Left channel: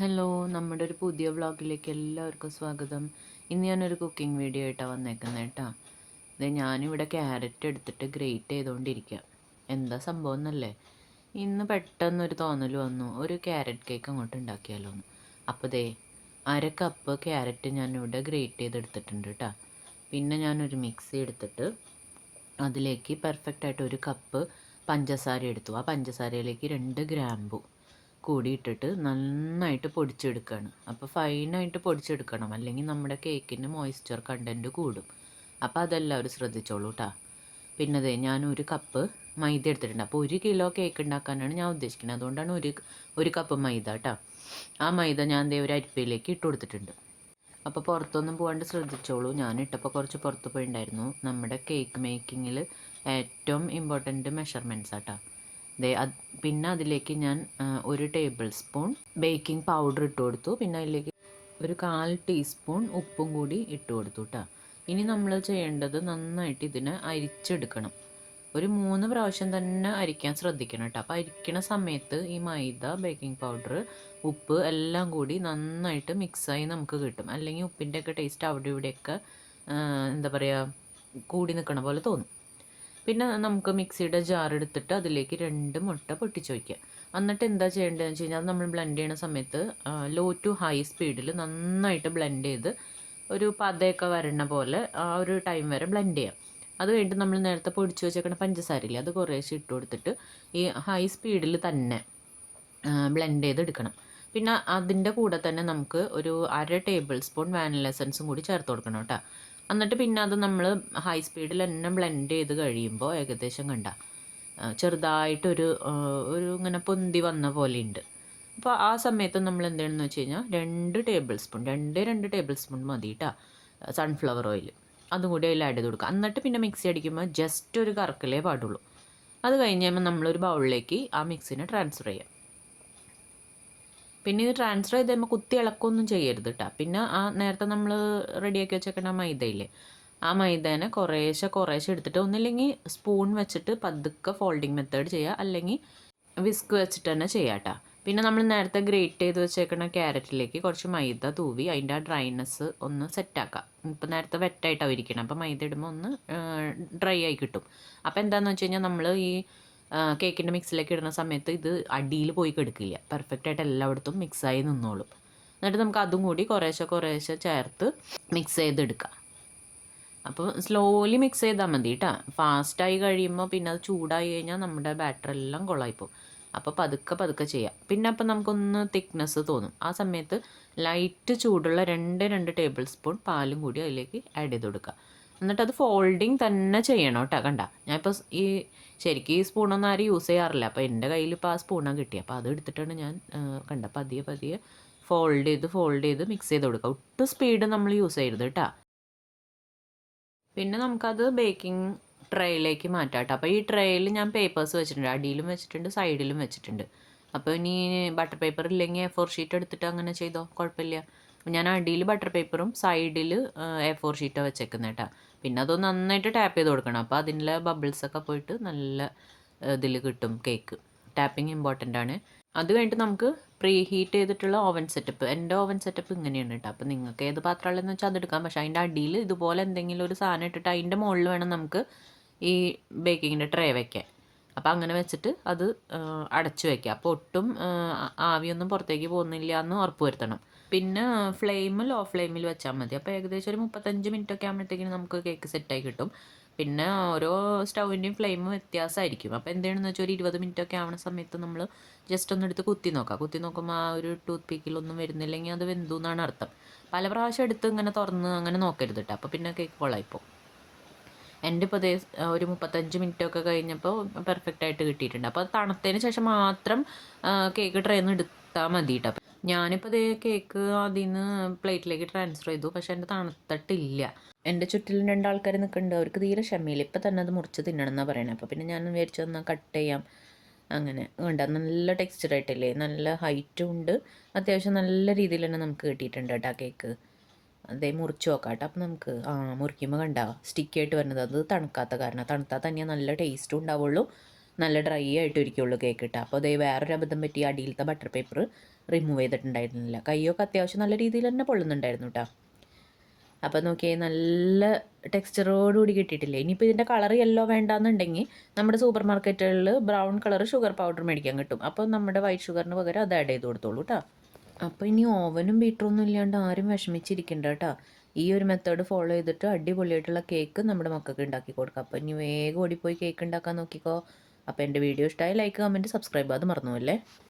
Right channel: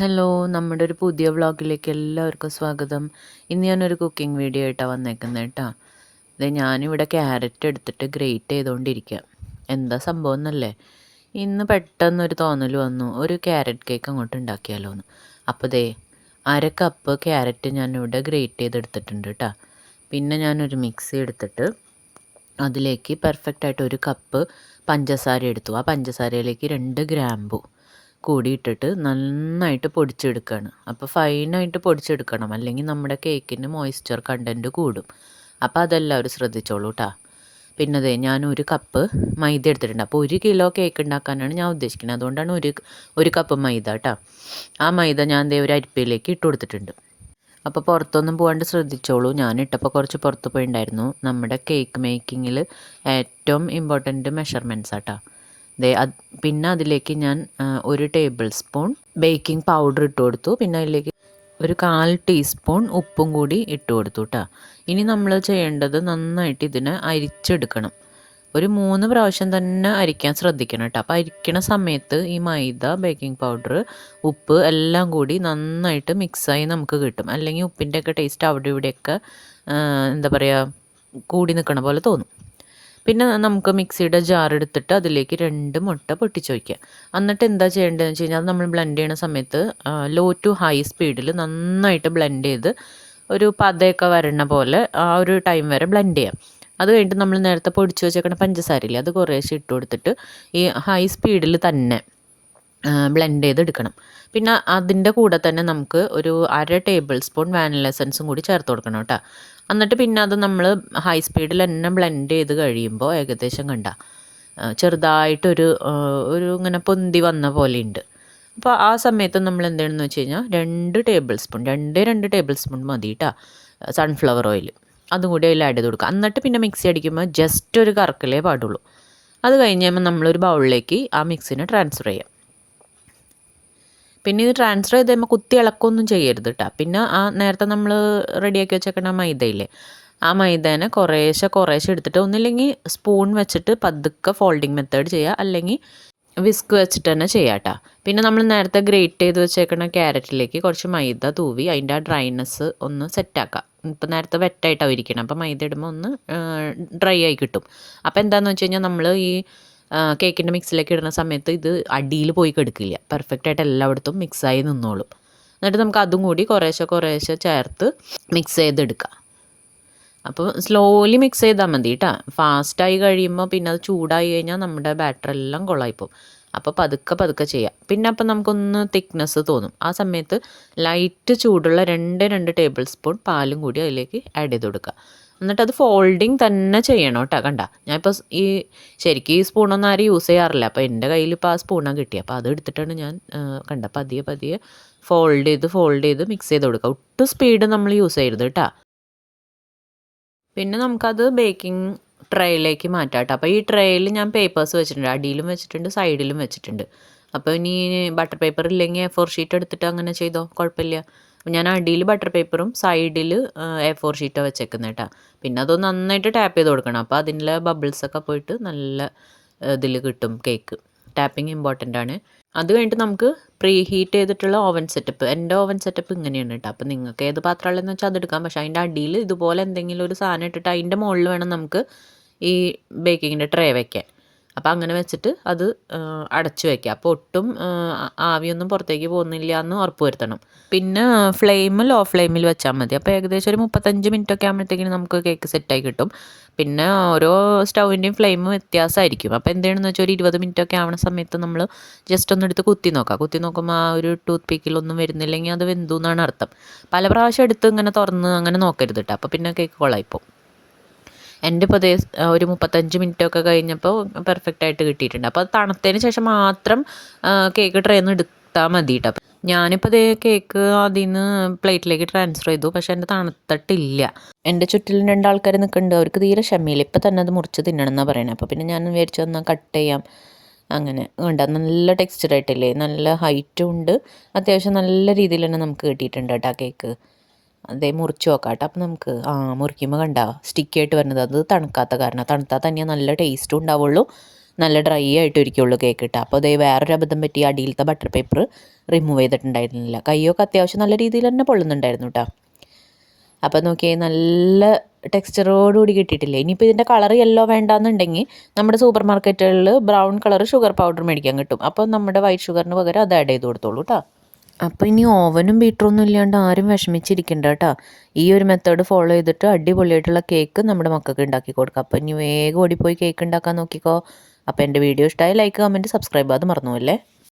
Hello, നമ്മുടെ ഒരു പുതിയ വ്ളോഗിലേക്ക് എല്ലാവർക്കും സ്വാഗതം. ഇന്ന് ഞാനൊരു കുക്കിംഗ് വീഡിയോ ആയിട്ടാണ് വന്നേക്കുന്നത് കേട്ടോ. ഞാനിവിടെ ക്യാരറ്റ് എടുത്തിട്ട് ഗ്രേറ്റ് ചെയ്തുകൊണ്ടിരിക്കുക. എന്താ സംഭവം എന്നല്ലേ, ഇന്ന് പെട്ടെന്നൊരു തോന്നൽ വന്നു, ഒരു ക്യാരറ്റ് കേക്ക് അങ്ങോട്ട് ഉണ്ടാക്കിയാലോ എന്ന്. അപ്പോൾ അര കപ്പ് ക്യാരറ്റ് ഞാനിവിടെ ഗ്രേറ്റ് ചെയ്തെടുത്തിട്ടുണ്ട് കേട്ടോ. പിന്നെ ഞാനൊരു മിക്സി എടുത്തിട്ട് അതിലേക്ക് പെർഫെക്റ്റായിട്ട് ഒരു കപ്പ് പഞ്ചസാര എടുത്തു. ആ പഞ്ചസാരയിലേക്ക് 2 ഗ്രാമ്പു കൂടി ഇട്ടിട്ട് നന്നായിട്ട് പൊടിച്ചെടുക്കുകയാണ്. അപ്പോൾ ഫൈനായിട്ട് പൊടിച്ചെടുക്കണം, അല്ലെങ്കിൽ നമ്മുടെ കേക്കിന് മോയ്സ്ചർ കണ്ടൻറ്റ് കൂടും. അപ്പോൾ അതെല്ലാവരും ശ്രദ്ധിച്ചോളൂ കേട്ടോ. പിന്നെ ഞാൻ ഒരു കപ്പ് മൈദ എടുത്തിട്ടുണ്ട്. അപ്പോൾ 1 കിലോ കേക്ക് ഉണ്ടാക്കാനാണ് ഞാൻ ഉദ്ദേശിക്കുന്നത്. അതുകൊണ്ടാണ് ഒരു കപ്പ് മൈദ കേട്ടോ. ആ മൈദ ഞാൻ ഒരു അരിപ്പയിലേക്ക് ഇട്ട് കൊടുത്തിട്ടുണ്ട്. അപ്പോൾ പുറത്തൊന്നും പോകാണ്ട് ശ്രദ്ധിച്ചോളൂ. ഞാനിട്ടപ്പോൾ കുറച്ച് പുറത്ത് പോയിണ്ടായിരുന്നു. നമ്മുടെ കേക്ക് മേക്കിങ്ങിൽ ഏറ്റവും ഇമ്പോർട്ടൻറ്റ് മെഷർമെൻറ്റ്സ് ആട്ടോ. പിന്നെ അതിലേക്ക് ഞാൻ 1 ടേബിൾ സ്പൂൺ ബേക്കിംഗ് പൗഡർ ഇട്ട് കൊടുത്തു. പിന്നെ അതിലേക്ക് ഒരു 1/4 ടീസ്പൂൺ ഉപ്പും കൂടി ഇട്ട് കൊടുത്തു കേട്ടോ. ഇനി നമ്മൾ ചെയ്യേണ്ടത് നന്നായിട്ട് ഇതിനെ അരിച്ചെടുക്കണം. ഒരു 3 പ്രാവശ്യം തന്നെ അരിക്കാൻ ശ്രദ്ധിക്കണം കേട്ടോ. അപ്പോൾ അരിക്കണ സമയത്ത് ഈ മൈദ, ബേക്കിംഗ് പൗഡർ, ഉപ്പ് എല്ലാം കൂടി നന്നായിട്ട് മിക്സായി നമുക്ക് കിട്ടും. അല്ലെങ്കിൽ ഉപ്പിൻ്റെയൊക്കെ ടേസ്റ്റ് അവിടെ ഇവിടെയൊക്കെ എന്താ പറയുക, കൂടി നിൽക്കണ പോലെ തോന്നും. പിന്നെ നമുക്ക് മിക്സിയുടെ ജാർ എടുത്തിട്ട് അതിലേക്ക് 2 മുട്ട പൊട്ടിച്ച് വയ്ക്കുക. എന്നിട്ട് എന്താ ചെയ്യേണ്ടതെന്ന് വെച്ച് കഴിഞ്ഞാൽ, നമ്മൾ ബ്ലെൻഡ് ചെയ്യണ സമയത്ത് ലോ ടു ഹൈ സ്പീഡിൽ നന്നായിട്ട് ബ്ലെൻഡ് ചെയ്ത് ഒരു പതയൊക്കെ വരണ പോലെ ആ ഒരു ടൈം വരെ ബ്ലെൻഡ് ചെയ്യാം. അത് കഴിഞ്ഞിട്ട് നമ്മൾ നേരത്തെ പൊടിച്ച് വെച്ചേക്കണ പഞ്ചസാരയില്ലേ, അത് കുറേശ്ശെ ഇട്ട് കൊടുത്തിട്ട് ഈ ഹൈ സ്പീഡിൽ തന്നെ ബ്ലെൻഡ് ചെയ്തെടുക്കണം. പിന്നെ അതിൻ്റെ കൂടെ തന്നെ നമുക്ക് ഒരു 1/2 ടേബിൾ സ്പൂൺ വാനില എസൻസും കൂടി ചേർത്ത് കൊടുക്കണം കേട്ടോ. എന്നിട്ട് പിന്നെ അത് നമ്മൾ ഹൈ സ്പീഡിൽ തന്നെ ബ്ലെൻഡ് ചെയ്ത് കഴിയുമ്പോൾ ഏകദേശം ചെറുതായിട്ടൊരു ഇങ്ങനെ പൊന്തി വന്ന പോലെയുണ്ട്. അപ്പോൾ ആ സമയത്ത് നമ്മൾ എന്താണെന്ന് വെച്ച് കഴിഞ്ഞാൽ 2 ടേബിൾ സ്പൂൺ മതി കേട്ടോ സൺഫ്ലവർ ഓയിൽ. അതും കൂടി അതിൽ ആഡ് ചെയ്ത് കൊടുക്കുക. എന്നിട്ട് പിന്നെ മിക്സി അടിക്കുമ്പോൾ ജസ്റ്റ് ഒരു കറക്കലേ പാടുള്ളൂ. അത് കഴിഞ്ഞ് കഴിയുമ്പോൾ നമ്മളൊരു ബൗളിലേക്ക് ആ മിക്സിനെ ട്രാൻസ്ഫർ ചെയ്യാം. പിന്നെ ഇത് ട്രാൻസ്ഫർ ചെയ്ത് കഴിയുമ്പോൾ കുത്തി ഇളക്കൊന്നും ചെയ്യരുത് കേട്ടോ. പിന്നെ ആ നേരത്തെ നമ്മൾ റെഡിയാക്കി വെച്ചേക്കണ മൈദയില്ലേ, ആ മൈദേനെ കുറേശ്ശെ എടുത്തിട്ട് ഒന്നില്ലെങ്കിൽ സ്പൂൺ വെച്ചിട്ട് പതുക്കെ ഫോൾഡിങ് മെത്തേഡ് ചെയ്യുക, അല്ലെങ്കിൽ വിസ്ക് വെച്ചിട്ട് തന്നെ ചെയ്യാം കേട്ടോ. പിന്നെ നമ്മൾ നേരത്തെ ഗ്രേറ്റ് ചെയ്ത് വെച്ചേക്കണ ക്യാരറ്റിലേക്ക് കുറച്ച് മൈദ തൂവി അതിൻ്റെ ആ ഡ്രൈനെസ് ഒന്ന് സെറ്റാക്കാം. ഇപ്പം നേരത്തെ വെറ്റായിട്ടാണ് ഇരിക്കണം, അപ്പോൾ മൈദ ഇടുമ്പോൾ ഒന്ന് ഡ്രൈ ആയി കിട്ടും. അപ്പോൾ എന്താണെന്ന് വെച്ച് കഴിഞ്ഞാൽ, നമ്മൾ ഈ കേക്കിൻ്റെ മിക്സിലേക്ക് ഇടുന്ന സമയത്ത് ഇത് അടിയിൽ പോയി കെടുക്കില്ല, പെർഫെക്റ്റായിട്ട് എല്ലായിടത്തും മിക്സായി നിന്നോളും. എന്നിട്ട് നമുക്ക് അതും കൂടി കുറേശ്ശെ ചേർത്ത് മിക്സ് ചെയ്തെടുക്കാം. അപ്പോൾ സ്ലോലി മിക്സ് ചെയ്താൽ മതി കേട്ടോ. ഫാസ്റ്റായി കഴിയുമ്പോൾ പിന്നെ അത് ചൂടായി കഴിഞ്ഞാൽ നമ്മുടെ ബാറ്റർ എല്ലാം കൊളായിപ്പോവും. അപ്പോൾ പതുക്കെ ചെയ്യാം. പിന്നെ അപ്പം നമുക്കൊന്ന് തിക്നെസ് തോന്നും. ആ സമയത്ത് ലൈറ്റ് ചൂടുള്ള 2 ടേബിൾ സ്പൂൺ പാലും കൂടി അതിലേക്ക് ആഡ് ചെയ്ത് കൊടുക്കുക. എന്നിട്ട് അത് ഫോൾഡിങ് തന്നെ ചെയ്യണം കേട്ടോ. കണ്ട, ഞാനിപ്പോൾ ശരിക്കും ഈ സ്പൂണൊന്നും ആരും യൂസ് ചെയ്യാറില്ല. അപ്പോൾ എൻ്റെ കയ്യിൽ ഇപ്പോൾ ആ സ്പൂണാണ് കിട്ടിയത്. അപ്പോൾ അത് എടുത്തിട്ടാണ് ഞാൻ പതിയെ ഫോൾഡ് ചെയ്ത് മിക്സ് ചെയ്ത് കൊടുക്കുക. ഒട്ടും സ്പീഡ് നമ്മൾ യൂസ് ചെയ്യരുത് കേട്ടോ. പിന്നെ നമുക്കത് ബേക്കിംഗ് ട്രേയിലേക്ക് മാറ്റാം കേട്ടോ. അപ്പോൾ ഈ ട്രേയിൽ ഞാൻ പേപ്പേഴ്സ് വെച്ചിട്ടുണ്ട്, അടിയിലും വെച്ചിട്ടുണ്ട്, സൈഡിലും വെച്ചിട്ടുണ്ട്. അപ്പോൾ ഇനി ബട്ടർ പേപ്പർ ഇല്ലെങ്കിൽ A4 ഷീറ്റ് എടുത്തിട്ട് അങ്ങനെ ചെയ്തോ, കുഴപ്പമില്ല. അപ്പോൾ ഞാൻ അടിയിൽ ബട്ടർ പേപ്പറും സൈഡിൽ A4 ഷീറ്റാണ് വെച്ചേക്കുന്നത് കേട്ടോ. പിന്നെ അതൊന്ന് നന്നായിട്ട് ടാപ്പ് ചെയ്ത് കൊടുക്കണം. അപ്പോൾ അതിൻ്റെ ബബിൾസൊക്കെ പോയിട്ട് നല്ല ഇതിൽ കിട്ടും കേക്ക്. ടാപ്പിംഗ് ഇമ്പോർട്ടൻ്റ് ആണ്. അത് കഴിഞ്ഞിട്ട് നമുക്ക് പ്രീ ഹീറ്റ് ചെയ്തിട്ടുള്ള ഓവൻ സെറ്റപ്പ്, എൻ്റെ ഓവൻ സെറ്റപ്പ് ഇങ്ങനെയാണ് കേട്ടോ. അപ്പോൾ നിങ്ങൾക്ക് ഏത് പാത്രമുള്ളതെന്ന് വെച്ചാൽ അതെടുക്കാം. പക്ഷേ അതിൻ്റെ അടിയിൽ ഇതുപോലെ എന്തെങ്കിലും ഒരു സാധനം ഇട്ടിട്ട് അതിൻ്റെ മുകളിൽ വേണം നമുക്ക് ഈ ബേക്കിങ്ങിൻ്റെ ട്രേ വയ്ക്കാൻ. അപ്പോൾ അങ്ങനെ വെച്ചിട്ട് അത് അടച്ചു വയ്ക്കുക. അപ്പോൾ ഒട്ടും ആവിയൊന്നും പുറത്തേക്ക് പോകുന്നില്ല എന്ന് ഉറപ്പ് വരുത്തണം. പിന്നെ ലോ ഫ്ലെയിമിൽ വെച്ചാൽ മതി. അപ്പോൾ ഏകദേശം ഒരു 35 മിനിറ്റൊക്കെ ആകുമ്പോഴത്തേക്കിനും നമുക്ക് കേക്ക് സെറ്റായി കിട്ടും. പിന്നെ ഓരോ സ്റ്റൗവിൻ്റെയും ഫ്ലെയിം വ്യത്യാസമായിരിക്കും. അപ്പോൾ എന്താണെന്ന് വെച്ചാൽ ഒരു 20 മിനിറ്റൊക്കെ ആവണ സമയത്ത് നമ്മൾ ജസ്റ്റ് ഒന്ന് എടുത്ത് കുത്തി നോക്കുമ്പോൾ ആ ഒരു ടൂത്ത് പിക്കിലൊന്നും വരുന്നില്ലെങ്കിൽ അത് വെന്തു എന്നാണ് അർത്ഥം. പല പ്രാവശ്യം എടുത്ത് ഇങ്ങനെ തുറന്ന് അങ്ങനെ നോക്കരുത് കേട്ടോ. അപ്പോൾ പിന്നെ കേക്ക് കൊള്ളായിപ്പോൾ. എൻ്റെ ഇപ്പോൾ ഒരു 35 മിനിറ്റൊക്കെ കഴിഞ്ഞപ്പോൾ പെർഫെക്റ്റായിട്ട് കിട്ടിയിട്ടുണ്ട്. അപ്പോൾ അത് തണുത്തതിന് ശേഷം മാത്രം കേക്ക് ട്രേന്ന് എടുത്താൽ മതി കേട്ടോ. ഞാനിപ്പോൾ കേക്ക് അതിൽ നിന്ന് പ്ലേറ്റിലേക്ക് ട്രാൻസ്ഫർ ചെയ്തു. പക്ഷേ എൻ്റെ തണുത്തിട്ടില്ല. എൻ്റെ ചുറ്റിലും 2 ആൾക്കാർ നിൽക്കുന്നുണ്ട്, അവർക്ക് തീരെ ക്ഷമയില്ല. ഇപ്പം തന്നെ അത് മുറിച്ച് തിന്നണം എന്നാണ് പറയുന്നത്. അപ്പോൾ പിന്നെ ഞാൻ വിചാരിച്ചു എന്നാൽ കട്ട് ചെയ്യാം. അങ്ങനെ വേണ്ട, നല്ല ടെക്സ്ചറായിട്ടില്ലേ, നല്ല ഹൈറ്റും ഉണ്ട്, അത്യാവശ്യം നല്ല രീതിയിൽ തന്നെ നമുക്ക് കിട്ടിയിട്ടുണ്ട് കേട്ടോ കേക്ക്. മുറിച്ച് നോക്കാം കേട്ടോ. അപ്പം നമുക്ക് മുറിക്കുമ്പോൾ സ്റ്റിക്കി ആയിട്ട് വരുന്നത് അത് തണുക്കാത്ത കാരണം. തണുത്താൽ തന്നെ നല്ല ടേസ്റ്റും ഉണ്ടാവുള്ളൂ, നല്ല ഡ്രൈ ആയിട്ട് ഇരിക്കുള്ളൂ കേക്ക് കിട്ടുക. അപ്പോൾ വേറൊരു അബദ്ധം പറ്റി, അടിയിലത്തെ ബട്ടർ പേപ്പർ റിമൂവ് ചെയ്തിട്ടുണ്ടായിരുന്നില്ല. കൈയൊക്കെ അത്യാവശ്യം നല്ല രീതിയിൽ തന്നെ പൊള്ളുന്നുണ്ടായിരുന്നു കേട്ടോ. അപ്പോൾ നോക്കിയേ നല്ല ടെക്സ്ചറോടുകൂടി കിട്ടിയിട്ടില്ലേ. ഇനിയിപ്പോൾ ഇതിൻ്റെ കളർ യെല്ലോ വേണ്ടാന്നുണ്ടെങ്കിൽ നമ്മുടെ സൂപ്പർ മാർക്കറ്റുകളിൽ ബ്രൗൺ കളർ ഷുഗർ പൗഡർ മേടിക്കാൻ കിട്ടും. അപ്പോൾ നമ്മുടെ വൈറ്റ് ഷുഗറിന് പകരം അത് ആഡ് ചെയ്ത് കൊടുത്തോളൂ കേട്ടോ. അപ്പോൾ ഇനി ഓവനും ബീറ്ററൊന്നും ഇല്ലാണ്ട് ആരും വിഷമിച്ചിരിക്കണ്ട കേട്ടോ. ഈ ഒരു മെത്തേഡ് ഫോളോ ചെയ്തിട്ട് അടിപൊളിയായിട്ടുള്ള കേക്ക് നമ്മുടെ മക്കൾക്ക് ഉണ്ടാക്കി കൊടുക്കാം. അപ്പോൾ ഇനി വേഗം ഓടിപ്പോയി കേക്ക് ഉണ്ടാക്കാൻ നോക്കിക്കോ. അപ്പോൾ എൻ്റെ വീഡിയോ ഇഷ്ടമായി ലൈക്ക്, കമൻറ്റ്, സബ്സ്ക്രൈബ് അത് മറന്നു പോകല്ലേ.